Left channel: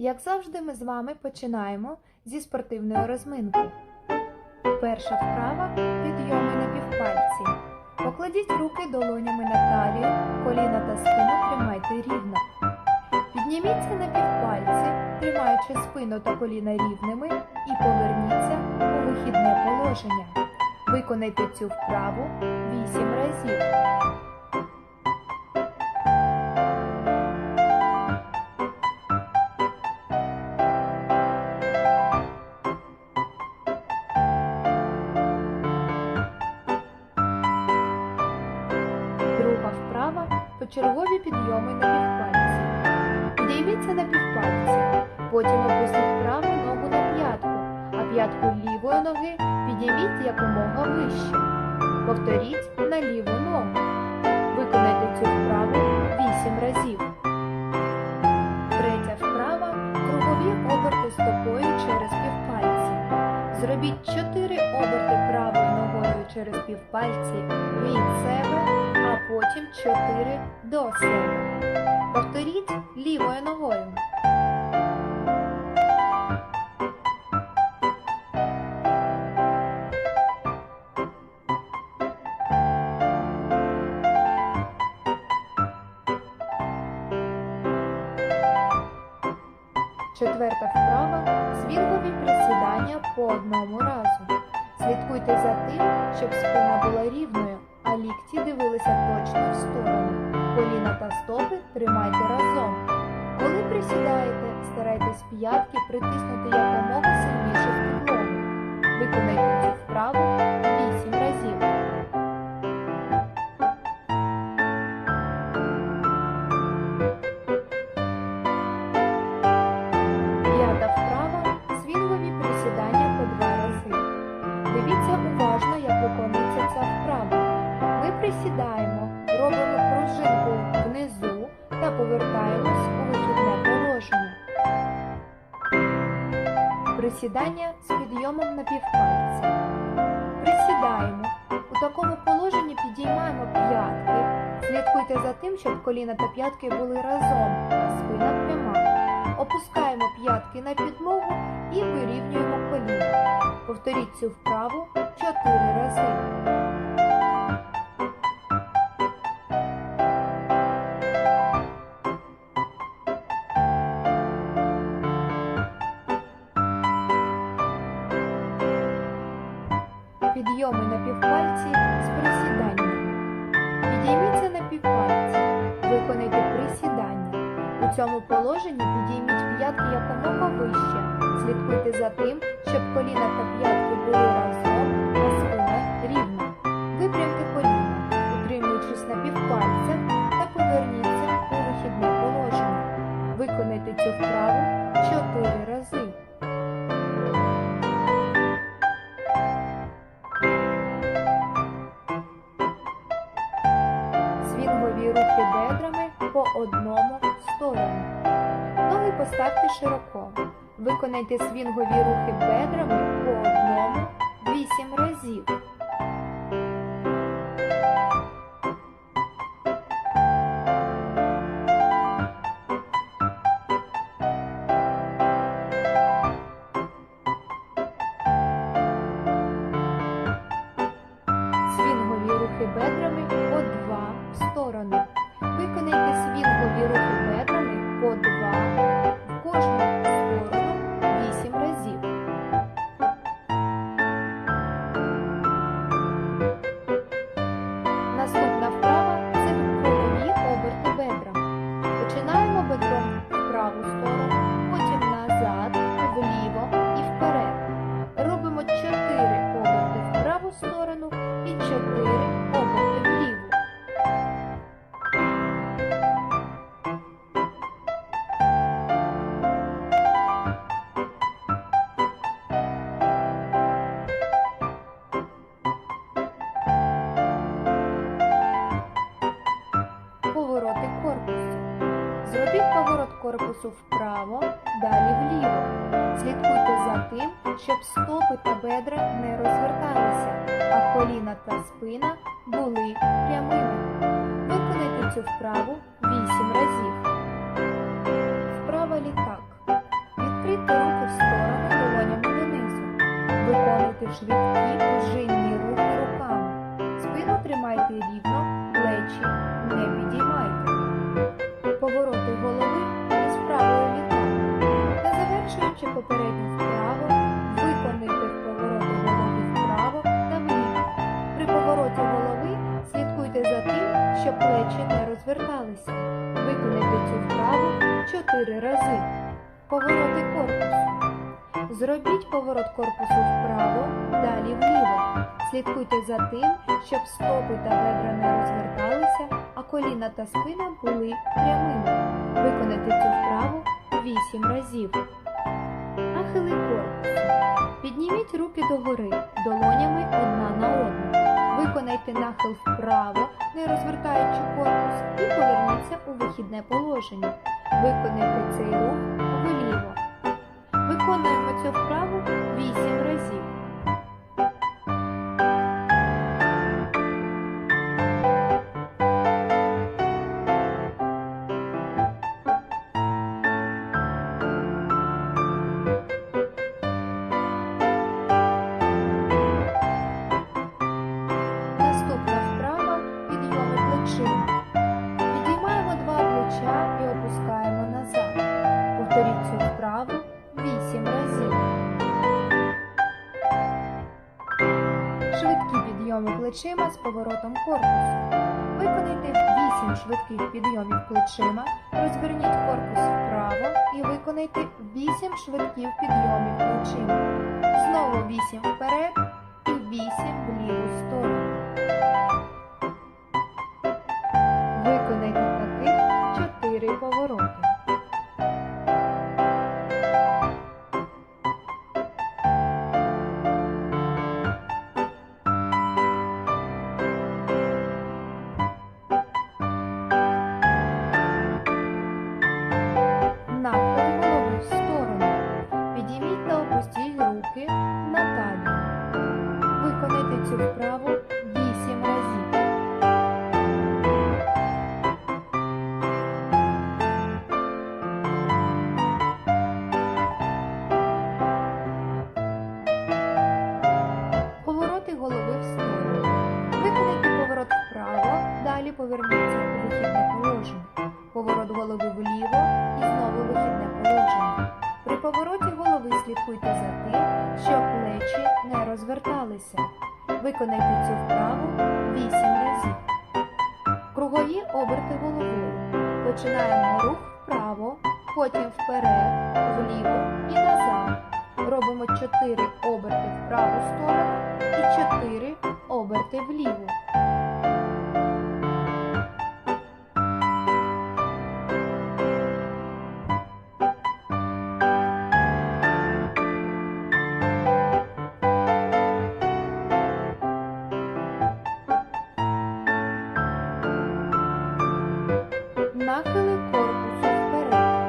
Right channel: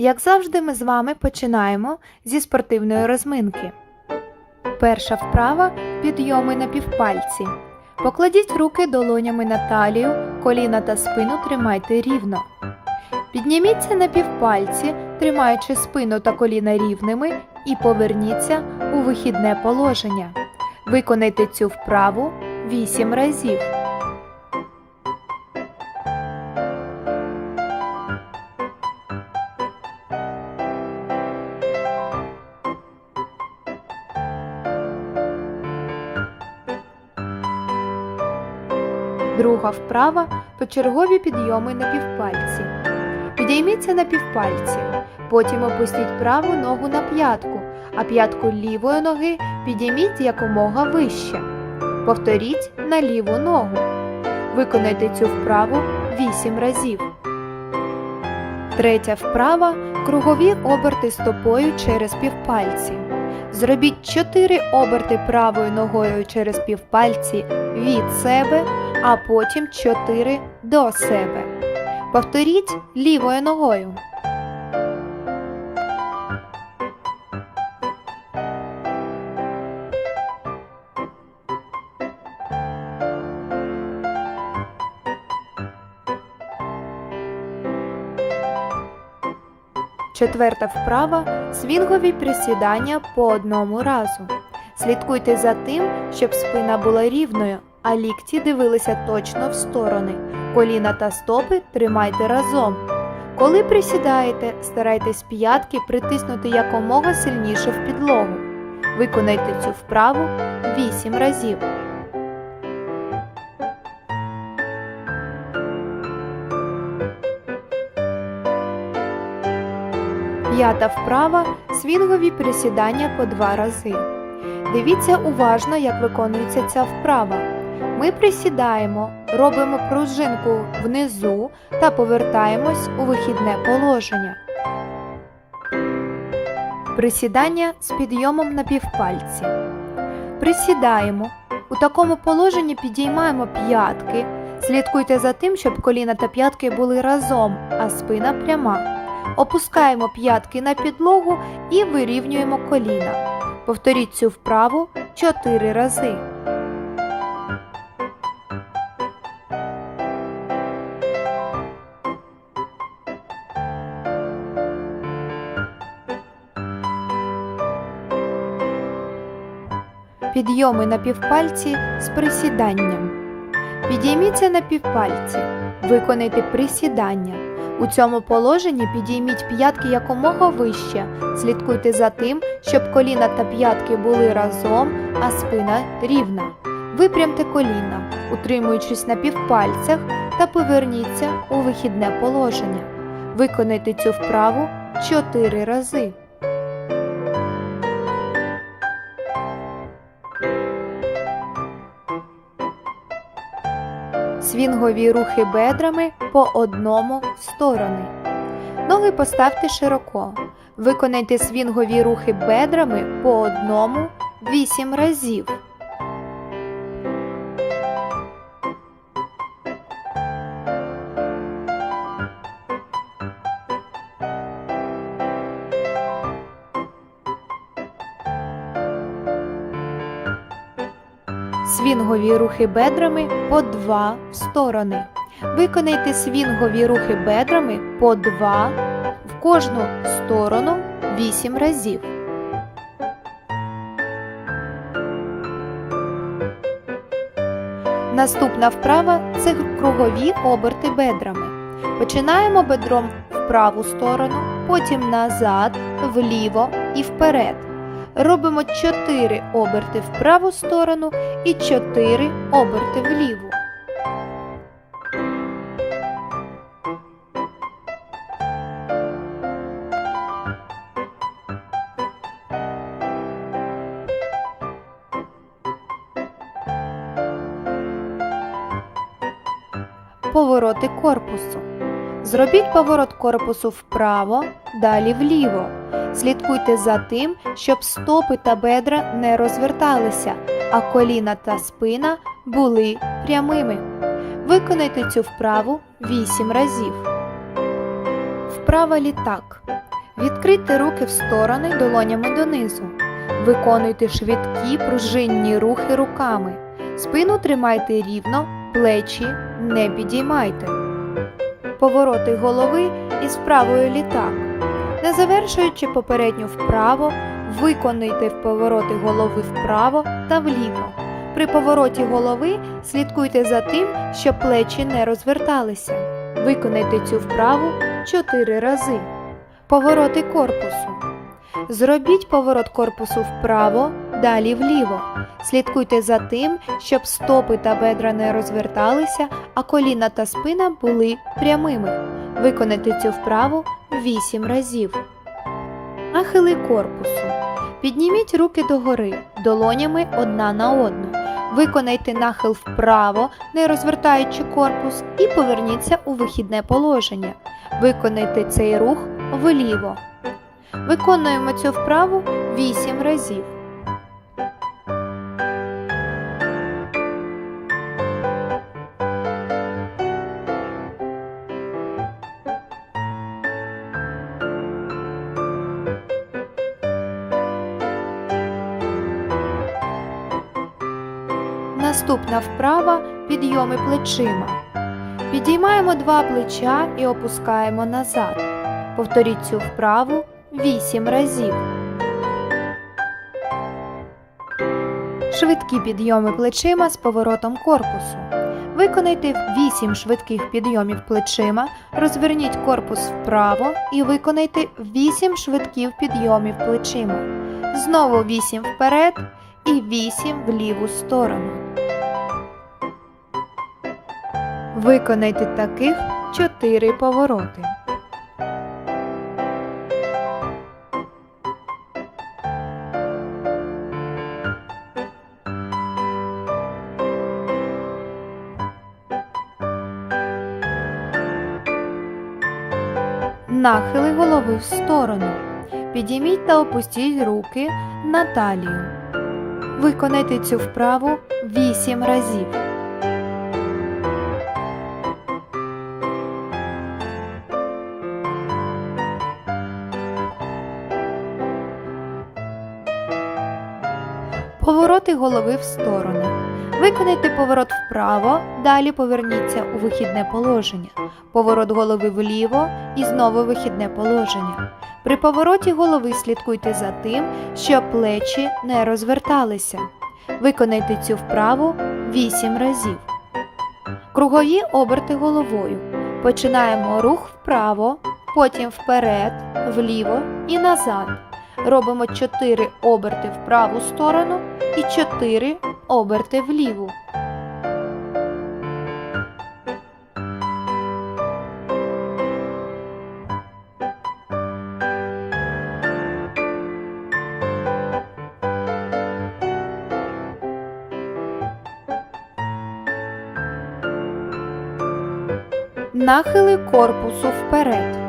Як завжди, ми з вами починаємо зі спортивної розминки. Перша вправа підйоми на півпальці. Покладіть руки долонями на талію, коліна та спину тримайте рівно. Підніміться на півпальці, тримаючи спину та коліна рівними, і поверніться у вихідне положення. Виконайте цю вправу 8 разів. Друга вправа почергові підйоми на півпальці. Підійміться на півпальці, потім опустіть праву ногу на п'ятку, а п'ятку лівої ноги підійміть якомога вище. Повторіть на ліву ногу. Виконайте цю вправу 8 разів. Третя вправа кругові оберти стопою через півпальці. Зробіть 4 оберти правою ногою через півпальці від себе, а потім 4 до себе. Повторіть лівою ногою. Четверта вправа свінгові присідання по одному разу. Слідкуйте за тим, щоб спина була рівною, а лікті дивилися точно в сторони. Коліна та стопи тримайте разом. Коли присідаєте, старайтесь п'ятки притиснути якомога сильніше в підлогу. Виконайте цю вправу 8 разів. П'ята вправа свінгові присідання по два рази. Дивіться уважно, як виконується ця вправа. Ми присідаємо, робимо пружинку внизу та повертаємось у вихідне положення. Присідання з підйомом на півпальці. Присідаємо. У такому положенні підіймаємо п'ятки. Слідкуйте за тим, щоб коліна та п'ятки були разом, а спина пряма. Опускаємо п'ятки на підлогу і вирівнюємо коліна. Повторіть цю вправу 4 рази. Підйоми на півпальці з присіданням. Підійміться на півпальці. Виконайте присідання. У цьому положенні підійміть п'ятки якомога вище. Слідкуйте за тим, щоб коліна та п'ятки були разом, а спина рівна. Випрямте коліна, утримуючись на півпальцях та поверніться у вихідне положення. Виконайте цю вправу 4 рази. Свінгові рухи бедрами по одному в сторони. Ноги поставте широко. Виконайте свінгові рухи бедрами по одному 8 разів. Свінгові рухи бедрами по 2 в сторони. Виконайте свінгові рухи бедрами по 2 в кожну сторону 8 разів. Наступна вправа це кругові оберти бедрами. Починаємо бедром в праву сторону, потім назад, вліво і вперед. Робимо 4 оберти в праву сторону і 4 оберти вліву. Повороти корпусу. Зробіть поворот корпусу вправо, далі вліво. Слідкуйте за тим, щоб стопи та бедра не розверталися, а коліна та спина були прямими. Виконайте цю вправу 8 разів. Вправа літак. Відкрийте руки в сторони долонями донизу. Виконуйте швидкі пружинні рухи руками. Спину тримайте рівно, плечі не підіймайте. Повороти голови із правою літак. Завершуючи попередню вправо, виконуйте повороти голови вправо та вліво. При повороті голови слідкуйте за тим, щоб плечі не розверталися. Виконайте цю вправу 4 рази. Повороти корпусу. Зробіть поворот корпусу вправо, далі вліво. Слідкуйте за тим, щоб стопи та бедра не розверталися, а коліна та спина були прямими. Виконайте цю вправу 8 разів. Нахили корпусу. Підніміть руки догори, долонями одна на одну. Виконайте нахил вправо, не розвертаючи корпус, і поверніться у вихідне положення. Виконайте цей рух вліво. Виконуємо цю вправу 8 разів. Наступна вправа підйоми плечима. Підіймаємо два плеча і опускаємо назад. Повторіть цю вправу 8 разів. Швидкі підйоми плечима з поворотом корпусу. Виконайте 8 швидких підйомів плечима, розверніть корпус вправо і виконайте 8 швидких підйомів плечима. Знову 8 вперед і 8 в ліву сторону. Виконайте таких 4 повороти. Нахили голови в сторону. Підійміть та опустіть руки на талію. Виконайте цю вправу 8 разів. Повороти голови в сторону. Виконайте поворот вправо, далі поверніться у вихідне положення. Поворот голови вліво і знову вихідне положення. При повороті голови слідкуйте за тим, щоб плечі не розверталися. Виконайте цю вправу 8 разів. Кругові оберти головою. Починаємо рух вправо, потім вперед, вліво і назад. Робимо 4 оберти в праву сторону і 4 оберти вліву. Нахили корпусу вперед.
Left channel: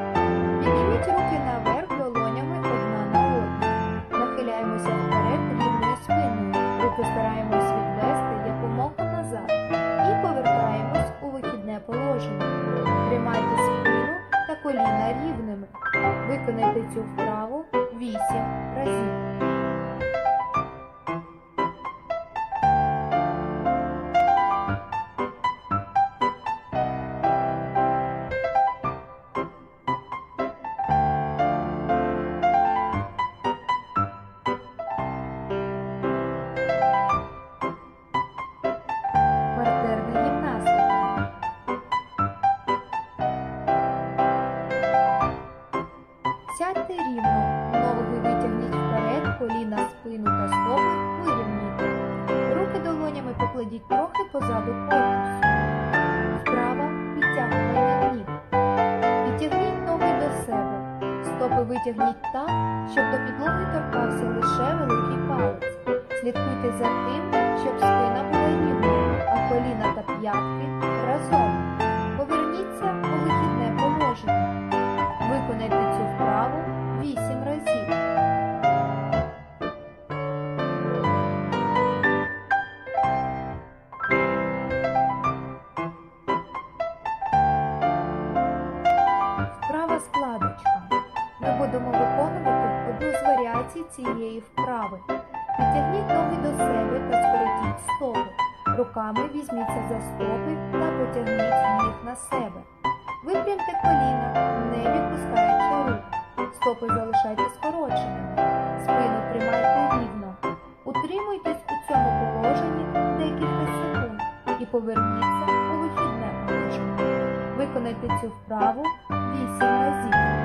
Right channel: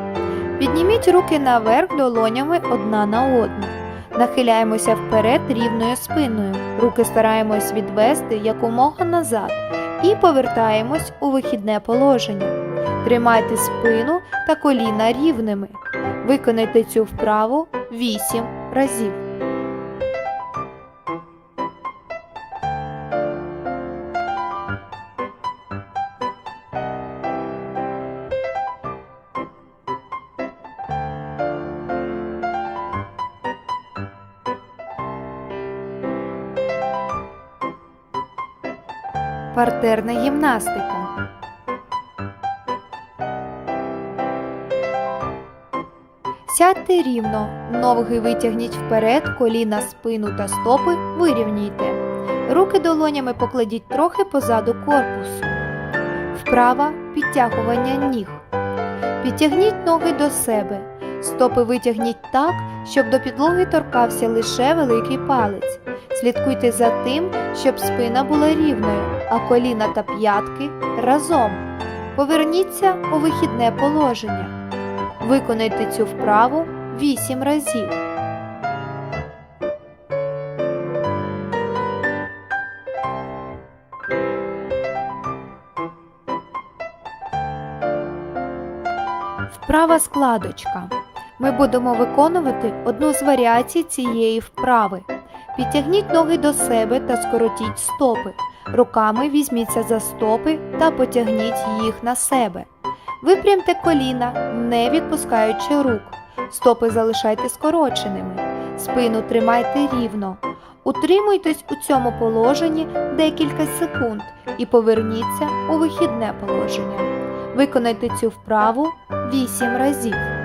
Підніміть руки наверх долонями одна на одну. Нахиляємося вперед рівною спиною. Руки стараємось відвести якомога назад і повертаємось у вихідне положення. Тримайте спину та коліна рівними. Виконайте цю вправу 8 разів. Партерна гімнастика. Сядьте рівно, ноги витягніть вперед, коліна, спину та стопи вирівнюйте. Руки долонями покладіть трохи позаду корпусу. Вправа підтягування ніг. Підтягніть ноги до себе. Стопи витягніть так, щоб до підлоги торкався лише великий палець. Слідкуйте за тим, щоб спина була рівною, а коліна та п'ятки разом. Поверніться у вихідне положення. Виконайте цю вправу 8 разів. Вправа складочка. Ми будемо виконувати одну з варіацій цієї вправи. Підтягніть ноги до себе та скоротіть стопи. Руками візьміться за стопи та потягніть їх на себе. Випрямте коліна, не відпускаючи рук. Стопи залишайте скороченими. Спину тримайте рівно. Утримуйтесь у цьому положенні декілька секунд і поверніться у вихідне положення. Виконайте цю вправу 8 разів.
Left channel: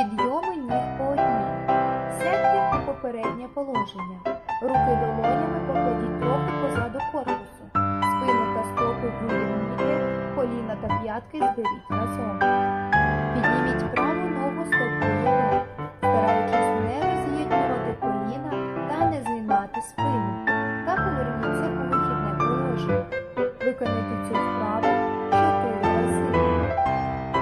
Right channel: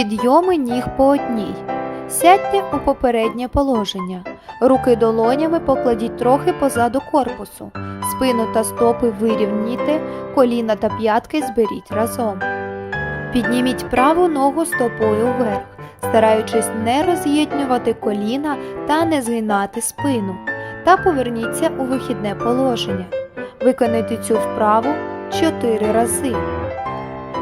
Підйоми ніг по одній. Сядьте у попереднє положення. Руки долонями покладіть трохи позаду корпусу. Спину та стопи вирівніте, коліна та п'ятки зберіть разом. Підніміть праву ногу стопою вверх, стараючись не роз'єднювати коліна та не згинати спину. Та поверніться у вихідне положення. Виконайте цю вправу 4 рази.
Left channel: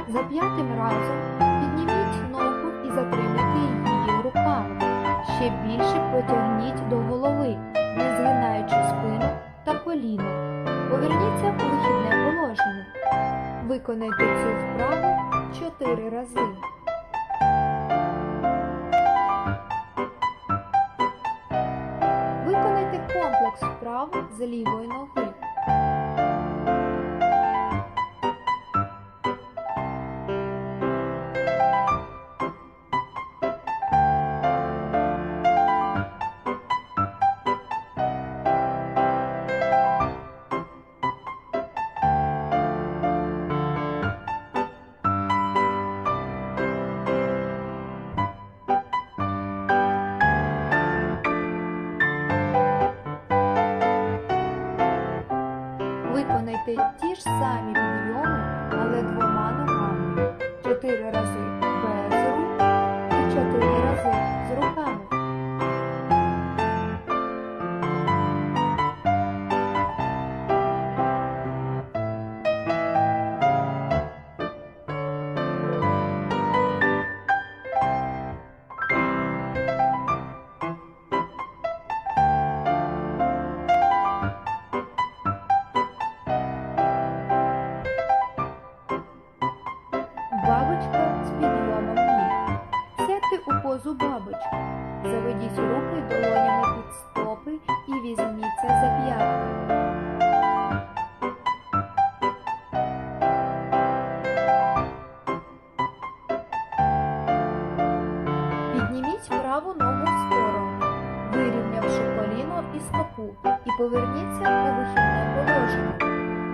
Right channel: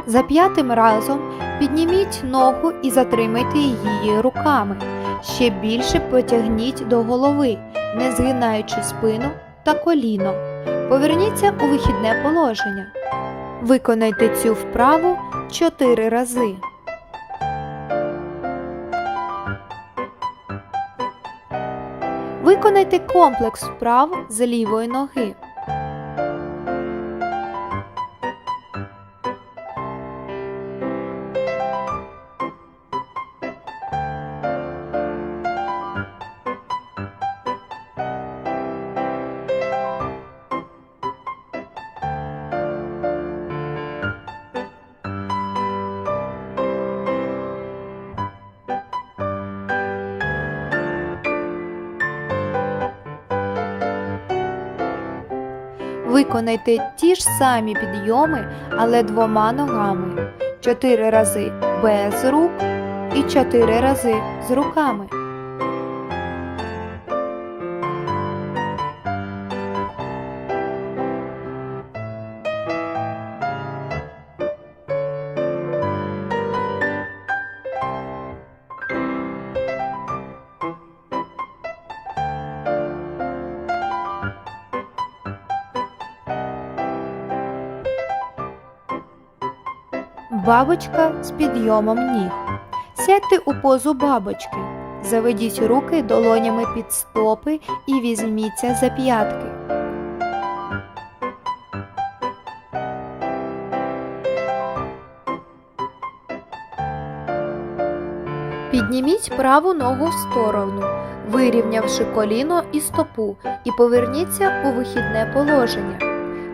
За п'ятим разом підніміть ногу і затримайте її руками. Ще більше потягніть до голови, не згинаючи спину та коліно. Поверніться у вихідне положення. Виконайте цю вправу 4 рази. Виконайте комплекс вправ з лівої ноги. Виконайте ті ж самі підйоми, але двома ногами. Чотири рази без рук і чотири рази з руками. Бабочка з підйомом ніг. Сядьте у позу бабочки. Заведіть руки долонями під стопи і візьміться за п'ятки. Підніміть праву ногу в сторону, вирівнявши коліно і стопу, і поверніться у вихідне положення.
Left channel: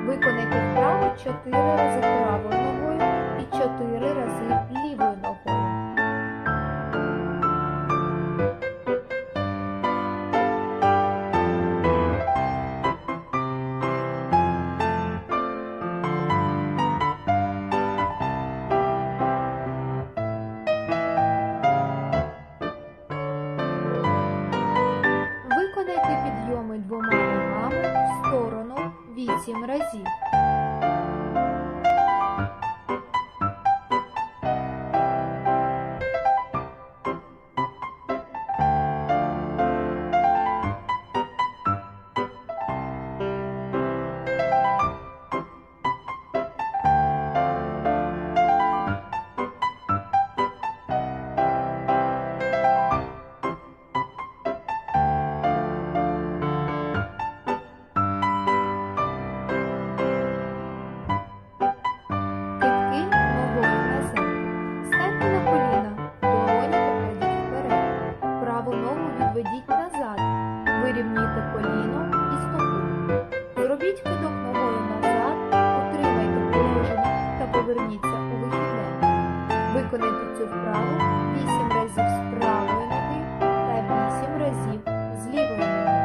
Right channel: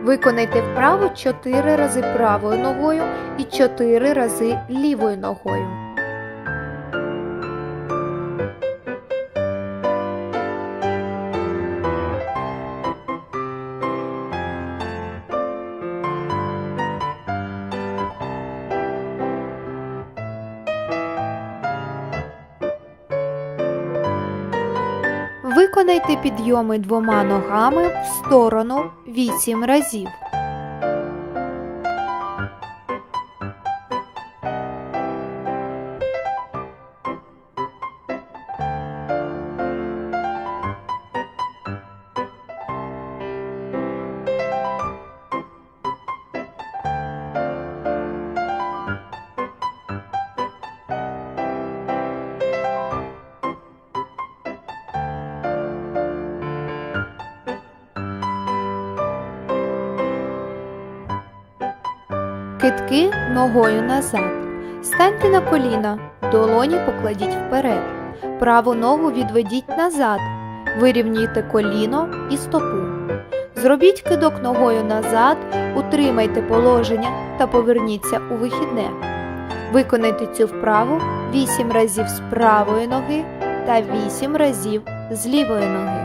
Виконайте вправу 4 рази правою ногою і 4 рази лівою ногою. Підйоми двома ногами в сторону 8 разів. Китки ногою назад. Станьте на коліна, долоні покладіть вперед. Праву ногу відведіть назад. Вирівнюйте коліно і стопу. Зробіть кидок ногою назад, утримайте положення та поверніться у вихідне. Виконайте цю вправу 8 разів з правої ноги та 8 разів з лівої ноги.